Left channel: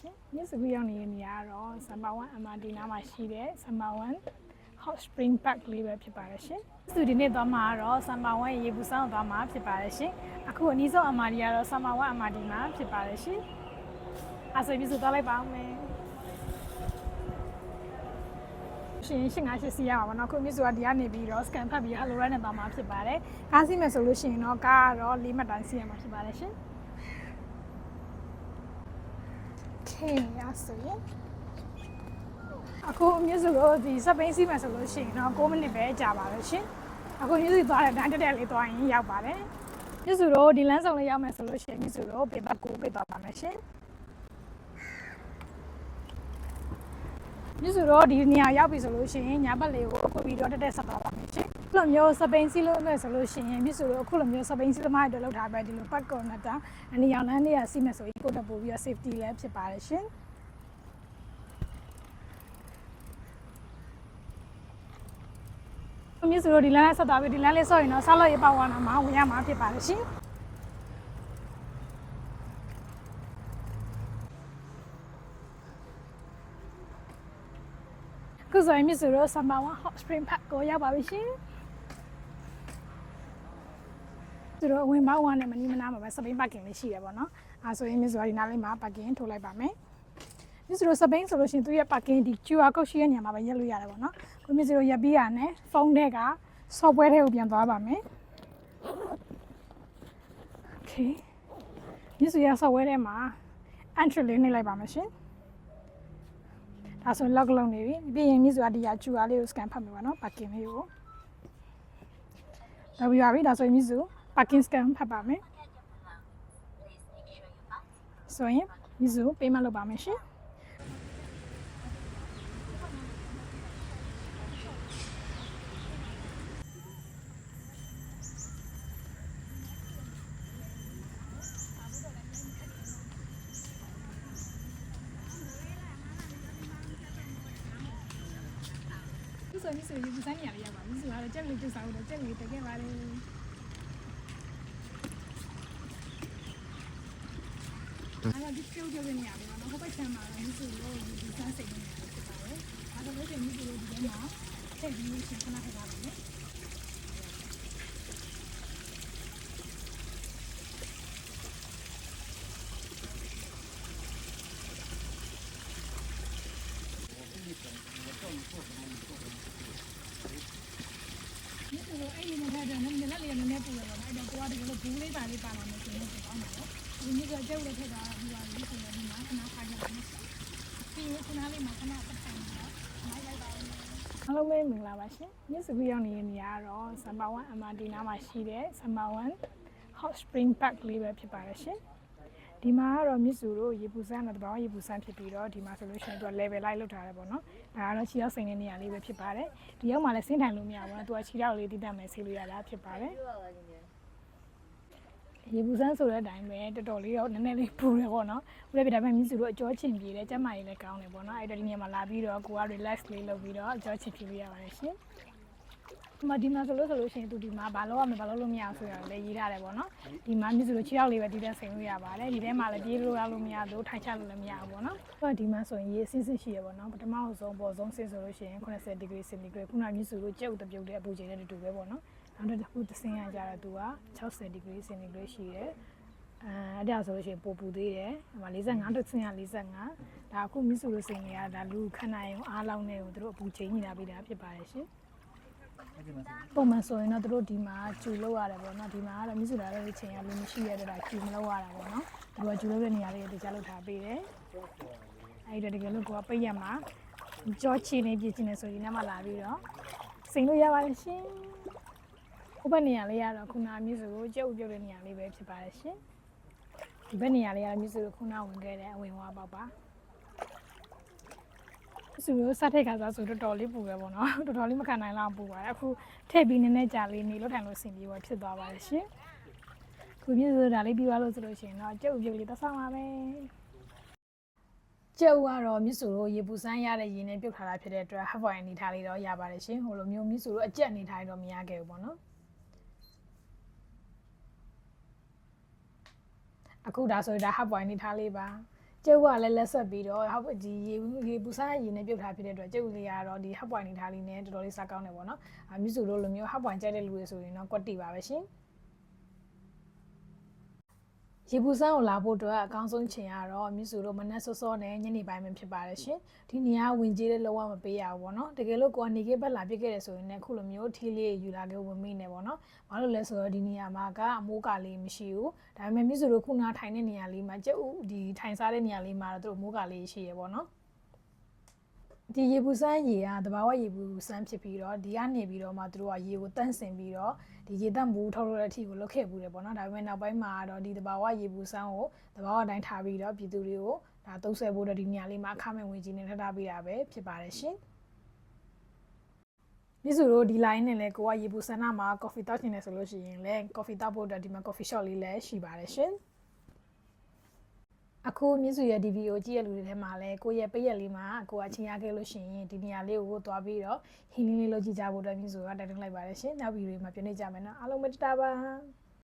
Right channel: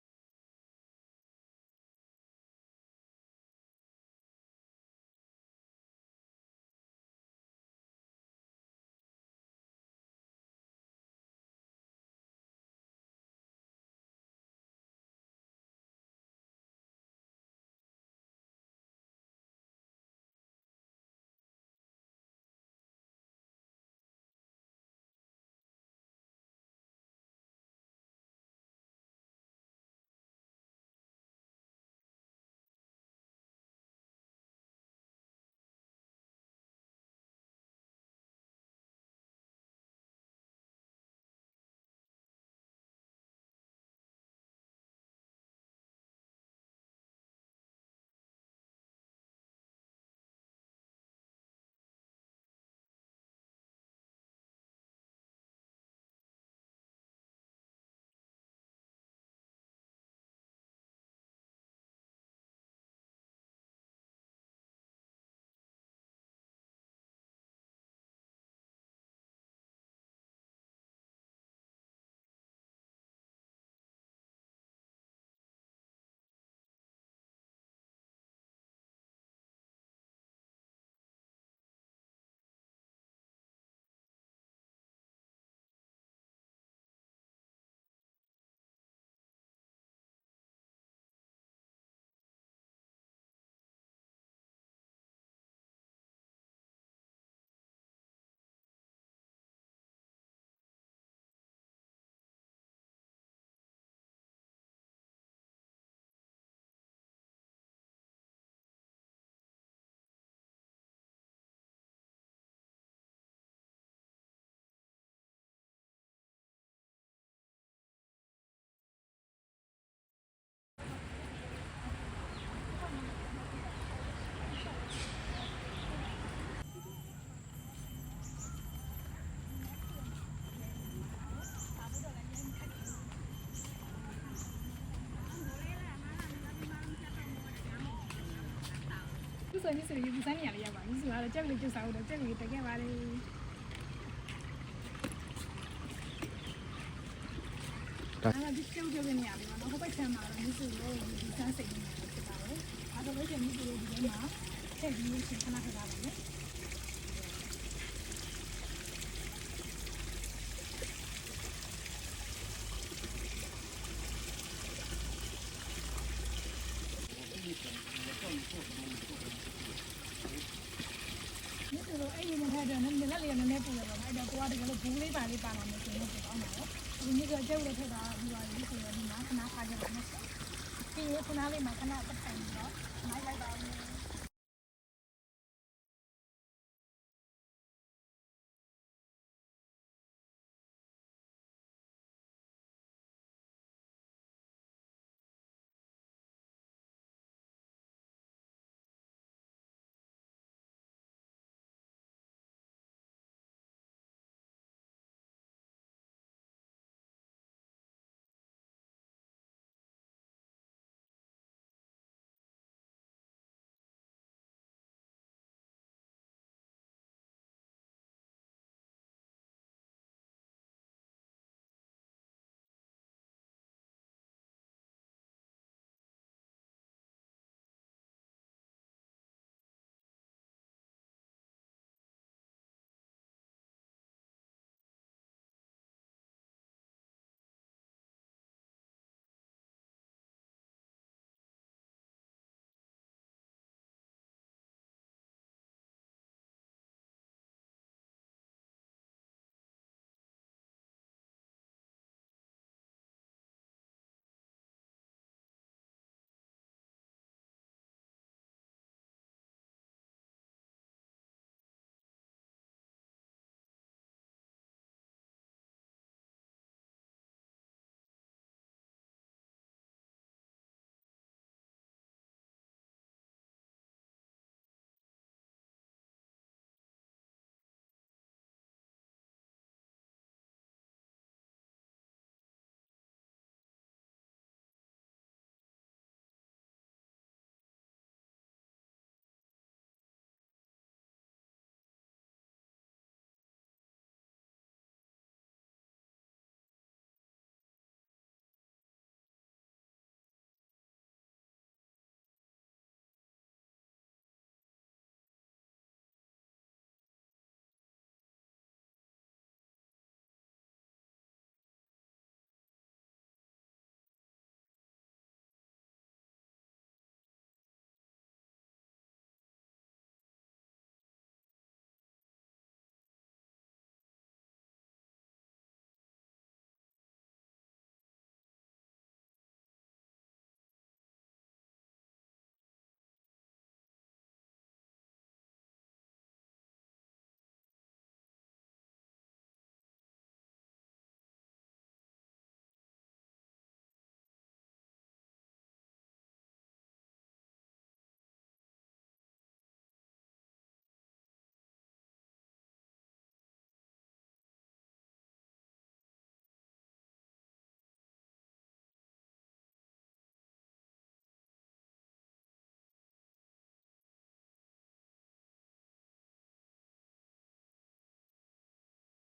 ရှင်မြစ်စကူရောက်နေတဲ့နေရာကတော့ Summer 1 MRT နားမှာရှိတဲ့ Summer 1 Hot Spring Park လေးပဲဖြစ်ပါတယ်ရှင်။ဒီနေ့သွားမှာကတော့ Summer 1ရေပူစမ်းသွားမှာဖြစ်ပါတယ်ရှင်။အခုအနည်းဆုံး MRT ကတော့ Summer 1 MRT မှာဖြစ်ပါတယ်ရှင်။အဲ့ဆိုပြီးသွားလိုက်ပါဦးမယ်။ရှင်858စီးရပါဘောနော်ခုမြစ်စွာဒီကနေပြီးတော့ scan ဖတ်ပြီး Hello Ride နဲ့သွားမှာဖြစ်ပါတယ်။ကားစီးမယ်ဆိုလို့ရှိရင်တော့ကားကတော့4မှတ်တိုင်းစီးရမှာဖြစ်ပါတယ်ရှင်။ Okay ရဆိုရင်အခုမြစ်စွာကိုဒီစပိန်စီးမယ်ဆိုလို့ရှိရင်တော့9မိနစ်ပဲကြာပါလို့ရှင်။အခုမြစ်စွာသွားတဲ့တန်းတက်လေးသွားရင်ရောက်ပါတယ်။မြစ်စွာတို့ဒီလမ်းဆောင်လေးရောက်မယ်ဆိုလို့ရှိရင်မြစ်စွာတို့ပေပတ်ကိုပေးသွားပါမယ်ရှင်။မြစ်စွာတို့ဒီနေရာရောက်ပြီဆိုလို့ရှိရင်ညာဘက်လေးကိုအခုပြီးတော့တက်ဆက်သွားပါမယ်ရှင်။ခုလိုမျိုးစပိန်စီးလို့မယ်ဆိုလို့ရှိရင်မြစ်စွာတို့အခုလိုမျိုးစပိန်စီးသမားတွေလောက်ထားပဲဒီလိုပတ်ကော်နတာအနေရောင်လမ်းလေးကစီးမယ်ဆိုရင်ကိုတက်ပို့ပြီးတော့ safety လည်းဖြစ်ပါတယ်ရှင်။မြစ်စွာတို့ဒီလမ်းလေးဆက်သွားပြီဒီလမ်းလေးဆော့ရင်တော့ဆောက်လို့ရပါဝါနာမှာဝင်ရမှာဖြစ်ပါတယ်ရှင်။ခုဆိုရင်မြစ်စွာတို့ Summer 1 Hot Spring Park ကိုရောက်ပါပြီရှင်။သူတို့ဝင်ပေါက်ဝါနဲ့မနီးမနာမှာပဲစပိန် parking လေးရှိရပါတော့။အဲဆိုရင်မြစ်စွာဒီနားလေးမှာ parking ထိုးလိုက်ပါမယ်။မြစ်စွာစပိန်ဆိုလို့ရှိရင်သူရဲ့ parking ဒီ QR code ရှိတဲ့နေရာမှာပဲရက်လို့ရတယ်ပေါ့နော်။ကိုမြစ်စွာရက်ပြီးရနဲ့ဖုန်းထဲက software ထဲကိုပြန်သွားပါမယ်။ Okay မြစ်စွာ software ထဲမှာ entry လေးနှိပ်လိုက်ပါမယ်ရှင်။ဒါဆို log လုပ်နေပြီပြီးရင်မြစ်စွာဒီဟာ QR လေးကို scan ဖတ်မယ်ပါနော် parking လေးကိုဒါပြီးပါပြီဒါဆိုရင်မြစ်စွာ parking scan ဖတ်ပါမယ်ဆိုရင်မြစ်စွာ payment လုပ်ပါမယ်ရှင်ဆိုရင်ဆိုရင်ဒီဇိုင်းနေရာလေးရောက်ပါပြီဆိုတော့ကြက်လေးကျုပ်စားလို့ကြက်လေးတက်ခဲ့ပါလေအဲ့ဒါဒီကျုပ်ကျုပ်နေရာလေးပါနော်ဟိုဘက်ချမ်းမှာတော့မြစ်စုလို့ဒီစမ်းစိတ်နေရာလေးဖြစ်ပါတယ်အဲ့ဒါလို့ကျမြစ်စုလို့ဒီထဲမှာထည့်ပြီးရှင်းခဏခဏပါမယ်အဲ့ဒီနဲ့ထားတယ်နည်းနည်းလေးနည်းနည်းပူရပါတော့အဲ့တော့ကိုကတကယ်လို့ဘူးလေးပါလေးပါလာမယ်ဆိုရင်တော့ကောင်းပါတော့ဒီနေ့ကကျုပ်လည်းထည့်တာပြီးပါပြီဆိုရင်ဒီမှာခဏထားကြပါမယ်ပြီးရင်ခုနလေးမှာခဏပတ်ထိုင်ပြီးတော့နိုင်လိုက်ပါဦးအားလုံးပဲမင်္ဂလာပါရှင်မြစ်စကူရောက်နေတဲ့နေရာကတော့ Summer 1 MRT နားမှာရှိတဲ့ Summer 1 Hot Spring Park လေးပဲဖြစ်ပါတယ်ရှင်ဒီမှာကတော့မြစ်စုတို့ရေပူစမ်းတဲ့တဘာဝရေပူစမ်းဖြစ်ပြီးတော့ဒီမှာဆိုလို့ရှိရင်သူက level လိုက်လောက်ထားတယ်ပေါ့နော်ဒါကတော့ခြေရောက်စိန်တဲ့နေရာလေးပဲဖြစ်ပါတယ်ဒီရောက်မှလည်းဆင်းထိုင်လို့မရဘူးနော်သူကခြေရောက်လေးတိတက်မယ်ဆေးလို့ရတာဖြစ်ပါတယ်ရေပူစမ်းဆိုတဲ့အတိုင်းပဲတော်တော်လေးတော့နည်းနည်းလေးပူတယ်ပေါ့နော်ပူတဲ့ပြဒါပေမဲ့မြစ်စုတို့အကျော်ချင်ပြေတယ်ကျမကြီးလည်းကောင်းတယ်ပေါ့နော်အဲ့တော့ဒီနေရာမှာလာပြီးတော့ကိုက relax လေးလုပ်ပြီးတော့အကျော်ချင်ပြေးရပါတယ်ရှင်ဒီမှာဆိုလို့ရှိရင်သူဒီမှာဘာလို့ရမလဲဘာလို့လို့မရအောင်ဆိုရလည်းရေးထားတယ်ပေါ့နော်ဒီမှာမြစ်စုလို့6ရောက်လေးပဲဒီတက်ဆင်လို့ရပါတယ်ဒီထဲမှာလည်းပြေးလို့ရလို့မရဘူးထိုင်ချလို့လည်းမရဘူးပေါ့နော်ဒီမှာဆိုရင်ရေအစစ်စစ်ရှိရပေါ့နော်ပထမဆုံးပေါ်ဆုံးဆင်းဆိုလို့ရှိရင်80 degree centigrade ခုနမြစ်စုလို့ကြက်ဥတပြုတ်တဲ့အပူချိန်နဲ့တူပဲပေါ့နော်နောက်တစ်ခုသဆင်းရကြတော့သူက60 degree centigrade ရှိတယ်အဲ့ဒါဆိုလို့ရှိရင်ပိုပူသေးတယ်ဟိုမှာ45တစ်ဆင်းရ45ဒါအခုမြစ်စုလို့ဆင်းနေရတာလူခဏရင်အားလောင်းနေကိုသူတို့အပူချိန်ညှိတာပေးတာဖြစ်ပါတယ်ရှင်ပုံမှန်ဆိုရင်တော့တို့ဒီမှာကျူလောက်ရတယ်ပေါ့နော်ဒီမှာကတော့မြစ်စုလာတဲ့ချိန်ကလူမရှိရတဲ့တာကျူမလောက်ရတာပေါ့နော်သူကကျူလောက်တဲ့နေရာလေးတခြားလောက်ထားပေးတယ်အဲ့ဒါတကယ်လို့ကိုကပိတ်ရမှာကြောချီနေပြည့်ချင်နေဆိုရင်လည်းမလာပြီးတော့စိန်လို့ရပါတယ်ရှင်ဟိုဘက်နေရာလေးကတော့ခုနမြစ်စုကိုကြက်ဥပြုတ်တဲ့နေရာလေးပဲဖြစ်ပါတယ်ရှင်ဒီဘက်နေရာလေးကတော့မြစ်စုကိုခုနဝင်ခဲ့တဲ့အဝင်ဝါပေါက်ပါစုလို့စတဲ့ခါဆိုတော်တော်လေးပူပဲပေါ့နော်တော်တော်လေးမခံနိုင်လောက်ပူပါတယ်အခုထည့်ပြီးနည်းနည်းကြာလေးနေလို့ထိုင်လို့ဆင်ပြေဖြစ်သွားပါတယ်ရှင်ခုပြည့်စုံဒါလေးပြီးသွားလို့ဆိုလို့ရှိရင်တော့ကြက်ဥပြုတ်လေးတစ်ဆောင်ပါပဲကြက်ဥကတော့မြစ်စုလို့ရေပူစမ်းရတဲ့ရေနဲ့ပြုတ်ထားတာဖြစ်တဲ့အတွက် half boil အနေထားလေးတော့ရပါတယ်ရှင်ဟိုလိုမျိုးမြစ်စုလို့အကျက်အနေထားတော့မရခဲ့ဘူးပေါ့နော်အခုဒါဆိုဒါ half boil အနေထားလေးပါ ကျုပ်ကလည်းလက်ဆက်ပြီးတော့ဟုတ်ဒီရေပူစားရေနဲ့ပြုတ်ထားဖြစ်တဲ့အတွက်ကျုပ်လေးကတော့ဒီဟပ်ပွိုင်နေထားလေးနဲ့တော်တော်လေးစားကောင်းတယ်ပေါ့နော်မြစ်စုတို့လိုမျိုးဟပ်ပွိုင်ကြိုက်တဲ့လူတွေဆိုရင်တော့ကွက်တီပါပဲရှင်ရေပူစမ်းကိုလာဖို့အတွက်အကောင်းဆုံးချိန်ကတော့မြစ်စုတို့မနက်စောစောနဲ့ညနေပိုင်းပဲဖြစ်ပါတယ်ရှင်ဒီနေရာဝင်ကြီးတဲ့လောကမပေးရဘူးပေါ့နော်တကယ်လို့ကိုကနေကေဘက်လာပြစ်ခဲ့တယ်ဆိုရင်လည်းခုလိုမျိုးထီးလေးယူလာခဲ့ဝင်မိနေပေါ့နော်ဘာလို့လဲဆိုတော့ဒီနေရာမှာကအမိုးကလေးမရှိဘူးဒါပေမဲ့မြစ်စုတို့ခုနထိုင်တဲ့နေရာလေးမှာကျုပ်ဒီထိုင်စားတဲ့နေရာလေးမှာတော့တို့မိုးကလေးရှိရပေါ့နော်ဒီရေပူစမ်းရေကတဘာဝရေပူစမ်းဖြစ်ပြီးတော့ဒီကနေပြီးတော့မှတို့ကရေကိုတန့်စင်ပြီးတော့ဒီရေတက်မှုထုတ်လို့တဲ့အထိကိုလုတ်ခဲ့ပူတယ်ပေါ့နော်ဒါပေမဲ့နောက်ပိုင်းမှာတော့ဒီတဘာဝရေပူစမ်းကိုတဘာဝအတိုင်းထားပြီးတော့ပြည်သူတွေကိုဒါသုံးဆွဲဖို့တော့ဒီနေရာလေးမှာအခမဲ့ဝင်ကြီးနဲ့ထပ်ထားပေးတာပဲဖြစ်ပါတယ်ရှင်မြစ်စုတို့ဒီ line နဲ့လည်းကိုကရေပူစမ်းနာမှာ coffee တောက်ချင်တယ်ဆိုလို့ရှိရင်လည်း coffee တောက်ဖို့အတွက်ဒီမှာ coffee shop လေးလည်းရှိပါတယ်ရှင်အခုမြစ်စုရဲ့ဒီဗီဒီယိုကြည့်ရလူတွေထဲမှာလည်းကိုရဲ့ပိတ်ရက်လေးမှာကိုကချင်းရခဲ့လို့ရှိရင်ဒီနေရာလေးကိုသွားပြီးတော့ဟင်းလေးလေးလုပ်ကြည့်ကြဖို့အတွက်မြစ်စုကတိုက်တွန်းလိုက်ပါတယ်ရှင်နောက်ဗီဒီယိုမှာပြန်နေကြမယ်နော်အားလုံးပဲတတားပါ